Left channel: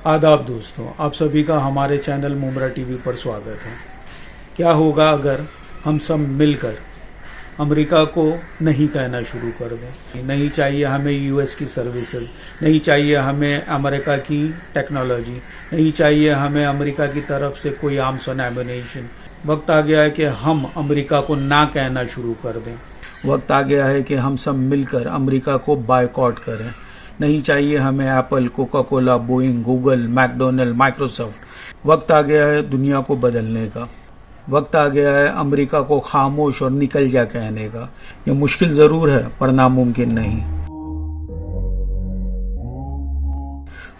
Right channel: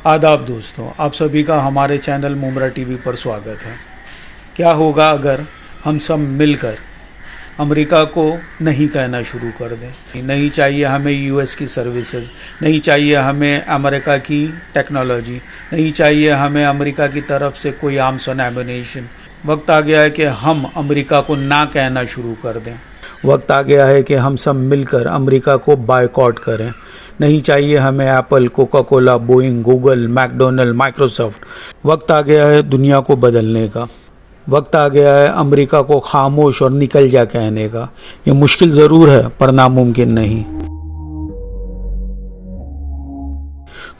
आदाब दोस्तों, आप सभी का हमारे चैनल मुमरा टीवी पर स्वागत है। क्या होगा अगर हम सब मिलकर अमेरिका को नहीं कहना शुरू कर दें? नहीं चाहिए हमें यूएस की सर्विसेज, नहीं चाहिए हमें अमेरिका की टेक्नोलॉजी, नहीं चाहिए हमें अमेरिका की तरफ से कोई आर्म्स और एम्युनिशन। वक्त आ गया है कि हम अमेरिका को ना कहना शुरू कर दें। वक्त आ गया है कि हम सब मिलकर अमेरिका को बायकॉट करें। नहीं चाहिए हमें Apple, Coca Cola, Boeing, Google, McDonald, Microsoft. वक्त आ गया है दुनिया को बदलने का। वक्त आ गया है अमेरिका को खामोश और निकल जा कहने का। ये मुश्किल ज़रूर है पर नामुमकिन नहीं।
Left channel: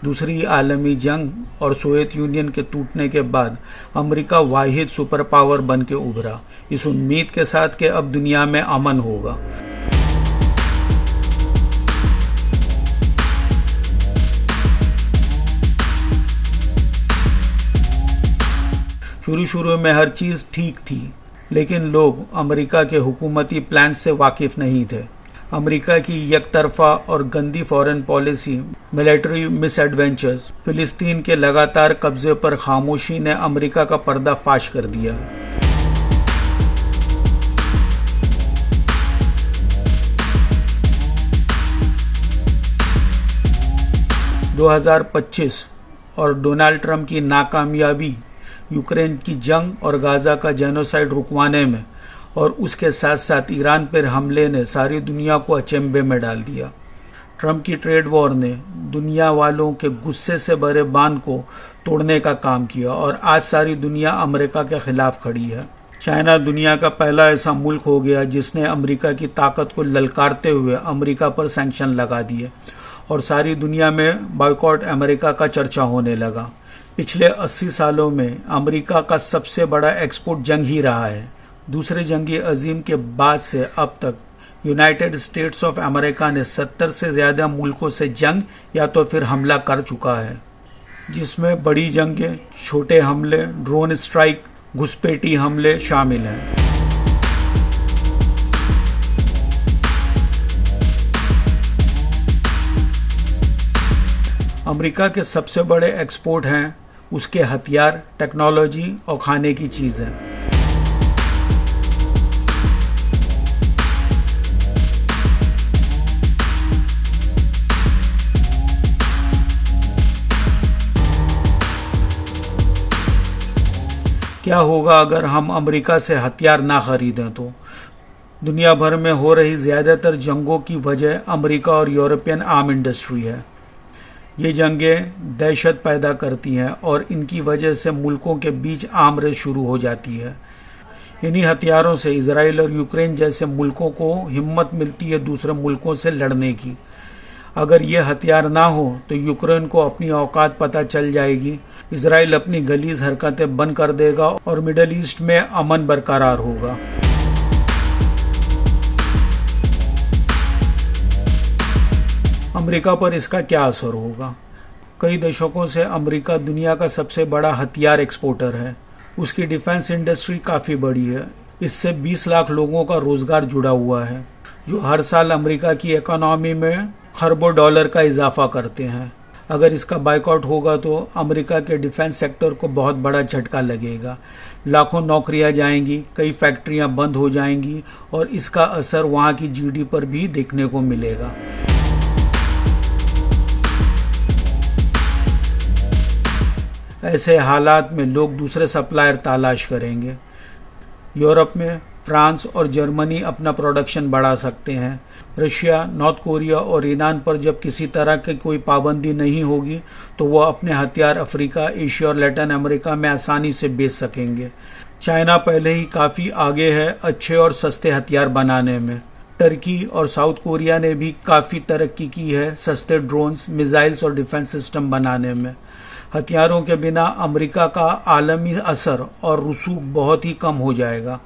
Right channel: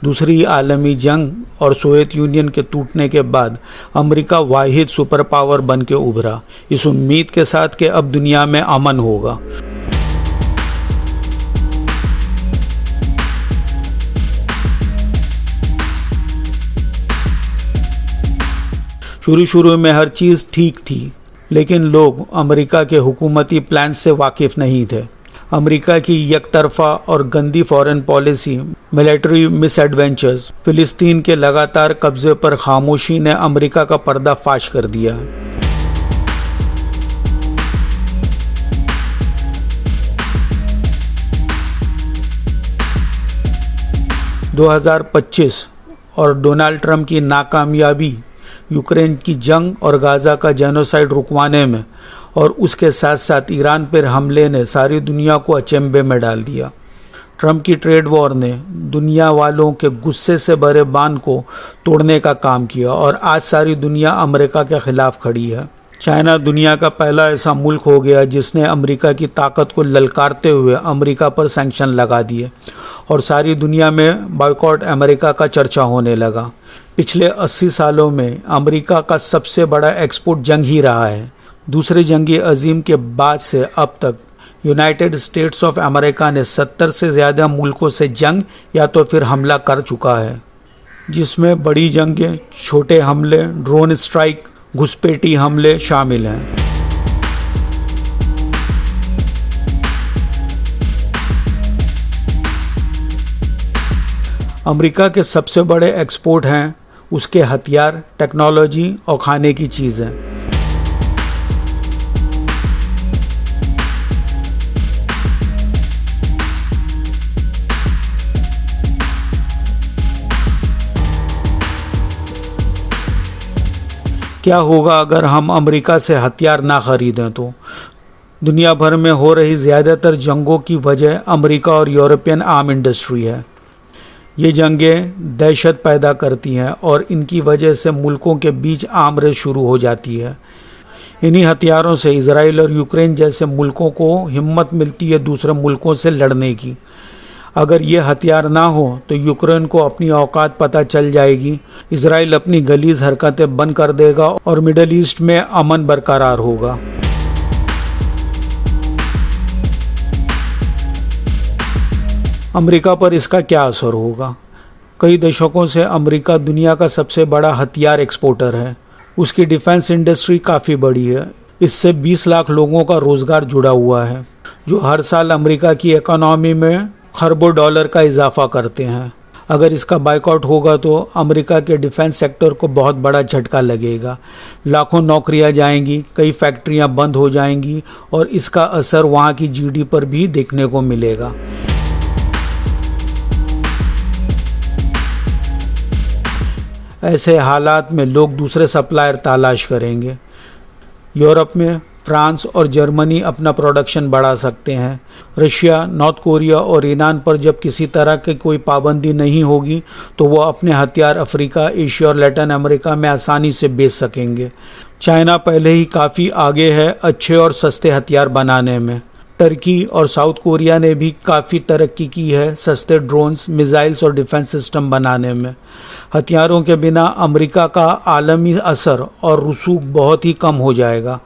दूसरी आलमी जंग और सोवियत यूनियन के टूटने के बाद अमेरिका वाहिद सुपर पावर बन के उभरा, इस उम्मीद के साथ कि अब दुनिया में अमन होगा। शुरू में हर चीज़ ठीक थी, लेकिन लोग अमेरिका के हुकूमती प्लान से वाकिफ नहीं थे। अमेरिका की एकतरफा और गंदी फॉरेन पॉलिसी, मिलिट्री मिसएडवेंचर्स, फिलिस्तीन के लगातार कब्जे पर खामोशी ने अमेरिका का पर्दा फाश कर दिया। दो 2025 और डोनाल्ड ट्रंप की नाकामयाबी यूक्रेन की जंग और गाजा का जेनोसाइड रुकवाने में और उसके साथ साथ ईरान पर हमले ने सारी दुनिया को अचंभे में डाल दिया। ट्रंप की ट्रेड वॉर ने दुनिया वालों के गुस्से से भरे बांध को तोड़ने का काम किया और आज सारी दुनिया अमेरिका के खिलाफ खड़ी है। चाइना दुनिया का पहला ऐसा मुल्क हो गया जिसने अमेरिका की ताकत को ललकारते हुए अमेरिका पर सैंक्शन लगा दिए और सारी दुनिया में बॉयकॉट अमेरिका का चर्चा होने लगा। पिछले 80 सालों में अमेरिका का सबसे बड़ा एक्सपोर्ट जंग ही रहा है। दूसरी जंगी अजीम के बाद से अब तक यूनाइटेड स्टेट्स ऑफ अमेरिका ने 70 से ज़्यादा मुल्कों से जंग या तो फिर हमला कर चुका है, जिसमें बड़ी जंगें, छोटे हमले, ड्रोन स्ट्राइक, घुसपैठी हमले शामिल हैं। अमेरिका के सबसे बड़े एक्सपोर्ट हैं उसके हथियार, टेक्नोलॉजी और खाने की चीज़ें। क्या होगा अगर हम अमेरिका से हथियार ना खरीदें? तो दुनिया भर में हो रही ज़्यादातर जंगों की वजह अमेरिका और यूरोपियन आर्म इंडस्ट्री है। ये जंगें दहशत पैदा करती हैं और इनकी वजह से मुल्कों के बीच आर्म रेस शुरू हो जाती है। इन्हीं हथियारों से इजराइल और यूक्रेन जैसे मुल्कों को हिम्मत मिलती है दूसरे मुल्कों से लड़ने की। अगर ये हथियार ना हो तो यूक्रेन को अपनी औकात पता चल जाएगी, इजराइल अपनी गलीज हरकतें बंद कर देगा और मिडल ईस्ट में अमन बरकरार होगा। अमेरिका पर इसका क्या असर होगा? कई दशकों से अमेरिका दुनिया का सबसे बड़ा हथियार एक्सपोर्टर है। उसकी डिफेंस इंडस्ट्री काफ़ी बड़ी है। इससे 20 लाख लोगों का रोजगार जुड़ा हुआ है, जो हर साल अमेरिका की इकोनॉमी में खरबों डॉलर का इजाफा करते हैं। अगर इसका बायकॉट होगा तो अमेरिका के डिफेंस सेक्टर को बहुत बड़ा झटका लगेगा। लाखों नौकरियां जाएंगी, कई फैक्ट्रियां बंद हो जाएंगी और इसका असर वहां की जीडीपी पर भी देखने को मिलेगा। ऐसे हालात में लोग दूसरे सप्लायर तलाश करेंगे। यूरोप में फ्रांस और जर्मनी अपना प्रोडक्शन बढ़ा सकते हैं। रशिया, नॉर्थ कोरिया और ईरान पर जब किसी तरह की कोई पाबंदी नहीं होगी तो वो अपने हथियार अफ्रीका, एशिया और लैटिन अमेरिका में आसानी से बेच सकेंगे। चाइना पहले ही काफ़ी आगे है अच्छे और सस्ते हथियार बनाने में। टर्की और साउथ कोरिया ने भी काफ़ी तरक्की की है सस्ते ड्रोन्स, मिसाइल्स और डिफेंस सिस्टम बनाने में। हथियारों के बिना अमेरिका का आलमी असर और रसूख बहुत ही कम हो जाएगा।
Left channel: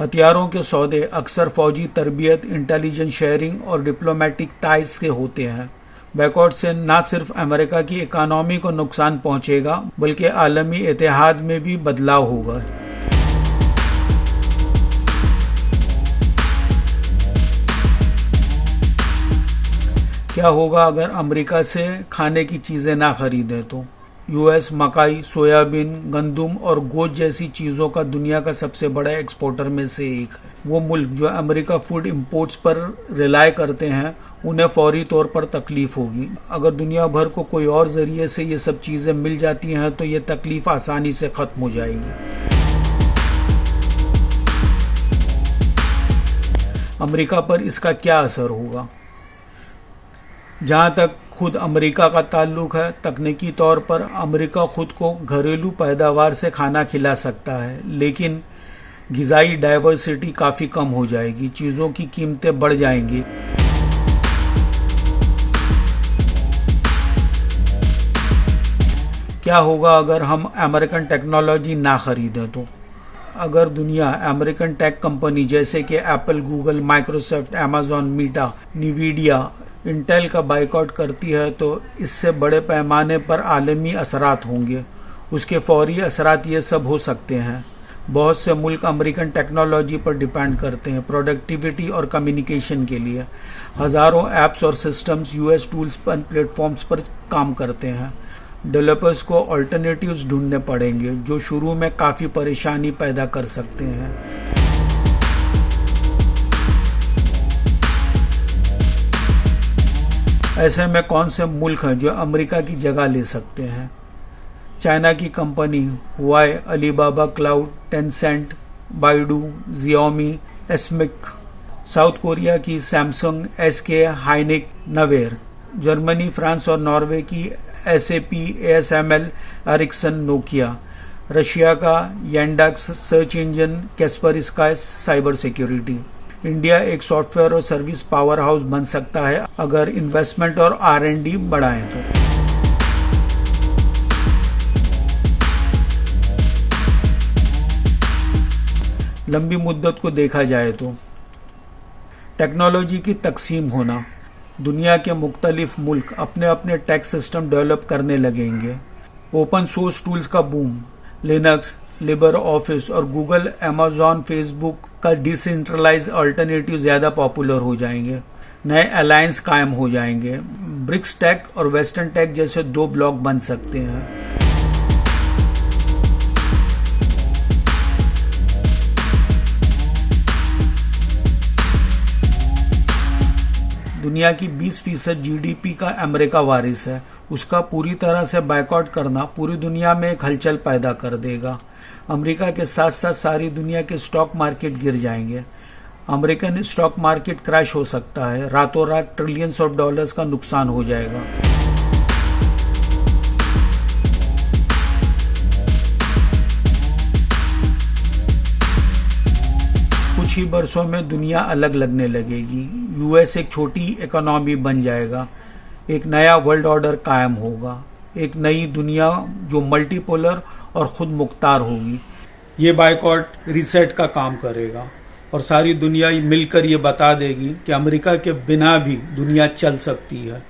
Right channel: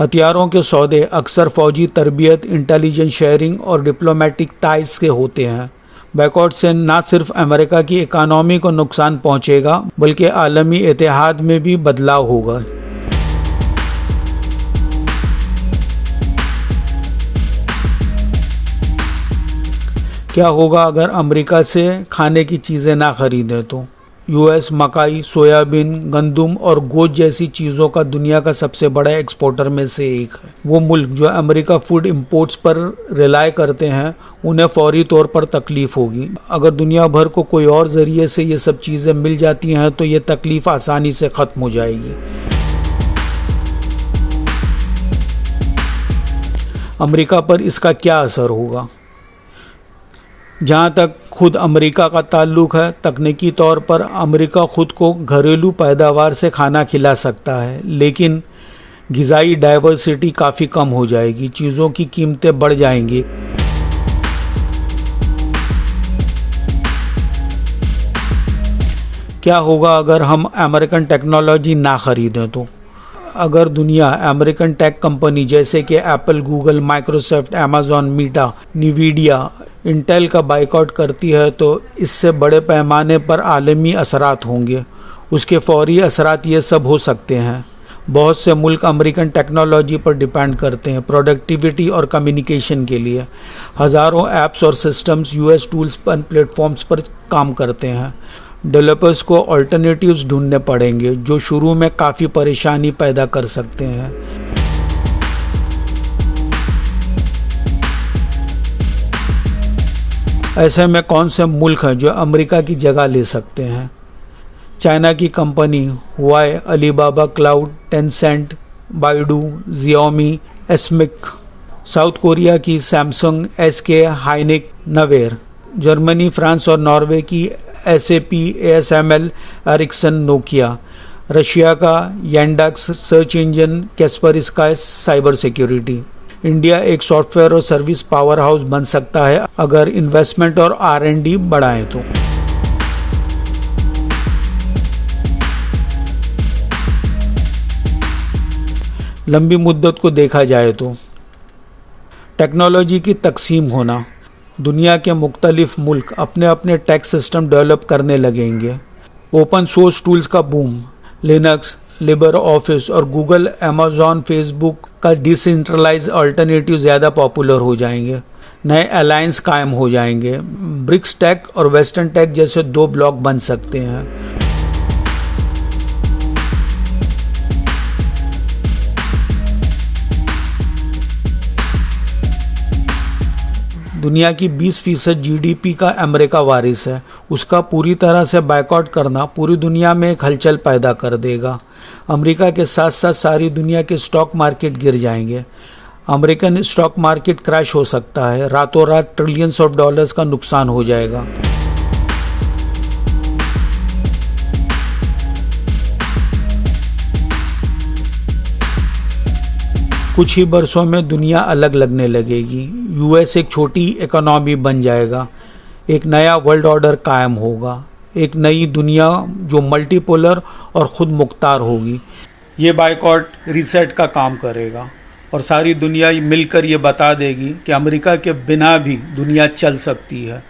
हथियारों के सौदे अक्सर फौजी तरबियत, इंटेलिजेंस शेयरिंग और डिप्लोमेटिक टाइज के होते हैं। बैकआउट से न सिर्फ अमेरिका की इकोनॉमी को नुकसान पहुंचेगा बल्कि आलमी इतिहाद में भी बदलाव होगा। क्या होगा अगर अमेरिका से खाने की चीज़ें ना खरीदें? तो यूएस मकाई, सोयाबीन, गंदुम और गोश्त जैसी चीज़ों का दुनिया का सबसे बड़ा एक्सपोर्टर में से एक है। वो मुल्क जो अमेरिका फूड इंपोर्ट्स पर रिलाय करते हैं उन्हें फौरी तौर पर तकलीफ होगी। अगर दुनिया भर को कोई और ज़रिए से ये सब चीज़ें मिल जाती हैं तो ये तकलीफ आसानी से ख़त्म हो जाएगी। अमेरिका पर इसका क्या असर होगा? जहाँ तक खुद अमेरिका का ताल्लुक है, तकनीकी तौर पर अमेरिका खुद को घरेलू पैदावार से खाना खिला सकता है, लेकिन ग़िज़ाई डाइवर्सिटी काफ़ी कम हो जाएगी, चीज़ों की कीमतें बढ़ जाएंगी। क्या होगा अगर हम अमेरिकन टेक्नोलॉजी ना खरीदें तो? अगर दुनिया अमेरिकन टेक कंपनी जैसे कि Apple, Google, Microsoft, Amazon, Meta, Nvidia, Intel का बाइकआउट करती है तो इससे बड़े पैमाने पर आलमी असरात होंगे। उसके फौरी असरात ये सब हो सकते हैं। बहुत से मुल्क अमेरिकन टेक्नोलॉजी पर डिपेंड करते हैं प्रोडक्टिविटी और कम्युनिकेशन के लिए। हज़ारों ऐप्स और सिस्टम्स यूएस टूल्स पर प्लेटफॉर्म्स पर काम करते हैं। डेवलपर्स को अल्टरनेटिव्स ढूंढने पड़ेंगे जो शुरू में काफ़ी परेशानी पैदा कर सकते हैं। ऐसे में कौन से मुल्क हैं जो अमेरिका की जगह ले सकते हैं? चाइना की company Huawei, Alibaba Cloud, Tencent, Baidu, Xiaomi, SMIC, South Korea की Samsung, SK, Hynix, Naver, Germany, France और नॉर्वे की SAP, ASML, Ericsson, Nokia, Russia का Yandex search engine, Kaspersky cyber security. India एक सॉफ्टवेयर और service powerhouse बन सकता है अगर इन्वेस्टमेंट और R&D बढ़ाएं तो। लंबी मुद्दत को देखा जाए तो टेक्नोलॉजी की तकसीम होना, दुनिया के मुख्तलिफ मुल्क अपने अपने टैक्स सिस्टम डेवलप करने लगेंगे। ओपन सोर्स टूल्स का बूम, लिनक्स, लिबर ऑफिस और गूगल, अमेज़ॉन, फेसबुक का डिसेंट्रलाइज अल्टरनेटिव ज़्यादा पॉपुलर हो जाएंगे। नए अलायंस कायम हो जाएंगे। ब्रिक्स टेक और वेस्टर्न टेक जैसे दो ब्लॉक बन सकते हैं। दुनिया की 20% GDP का अमेरिका वारिस है। उसका पूरी तरह से बायकॉट करना पूरी दुनिया में एक हलचल पैदा कर देगा। अमेरिका के साथ साथ सारी दुनिया के स्टॉक मार्केट गिर जाएंगे। अमेरिकन स्टॉक मार्केट क्रैश हो सकता है। रातों रात ट्रिलियंस ऑफ डॉलर्स का नुकसान हो जाएगा। कुछ ही बरसों में दुनिया अलग लगने लगेगी। यूएस एक छोटी इकोनॉमी बन जाएगा। एक नया वर्ल्ड ऑर्डर कायम होगा। एक नई दुनिया जो मल्टीपोलर और खुद मुख्तार होगी। ये बायकॉट रीसेट का काम करेगा और सारी दुनिया मिलकर ये बता देगी कि अमेरिका के बिना भी दुनिया चल सकती है।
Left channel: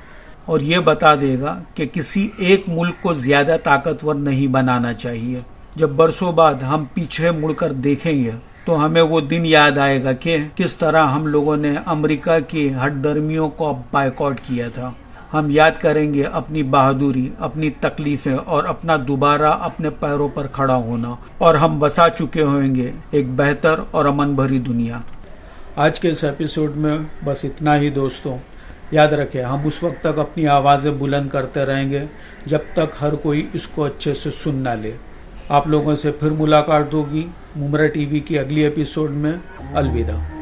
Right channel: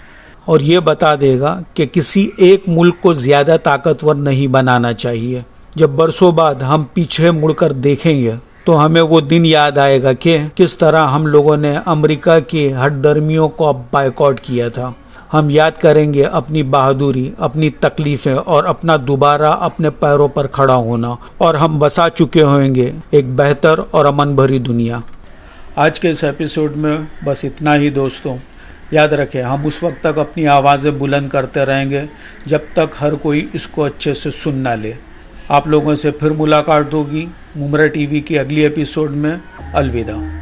और ये बता देगा कि किसी एक मुल्क को ज़्यादा ताकतवर नहीं बनाना चाहिए। जब बरसों बाद हम पीछे मुड़कर देखेंगे तो हमें वो दिन याद आएगा कि किस तरह हम लोगों ने अमेरिका की हठधर्मियों को बायकॉट किया था। हम याद करेंगे अपनी बहादुरी, अपनी तकलीफ़ें और अपना दोबारा अपने पैरों पर खड़ा होना, और हम बसा चुके होंगे एक बेहतर और अमन भरी दुनिया। आज के इस एपिसोड में बस इतना ही दोस्तों। याद रखें, हम उस वक्त तक अपनी आवाज़ें बुलंद करते रहेंगे जब तक हर कोई इसको अच्छे से सुन ना ले। आप लोगों से फिर मुलाकात होगी मुमरा टीवी की अगली एपिसोड में। अलविदा।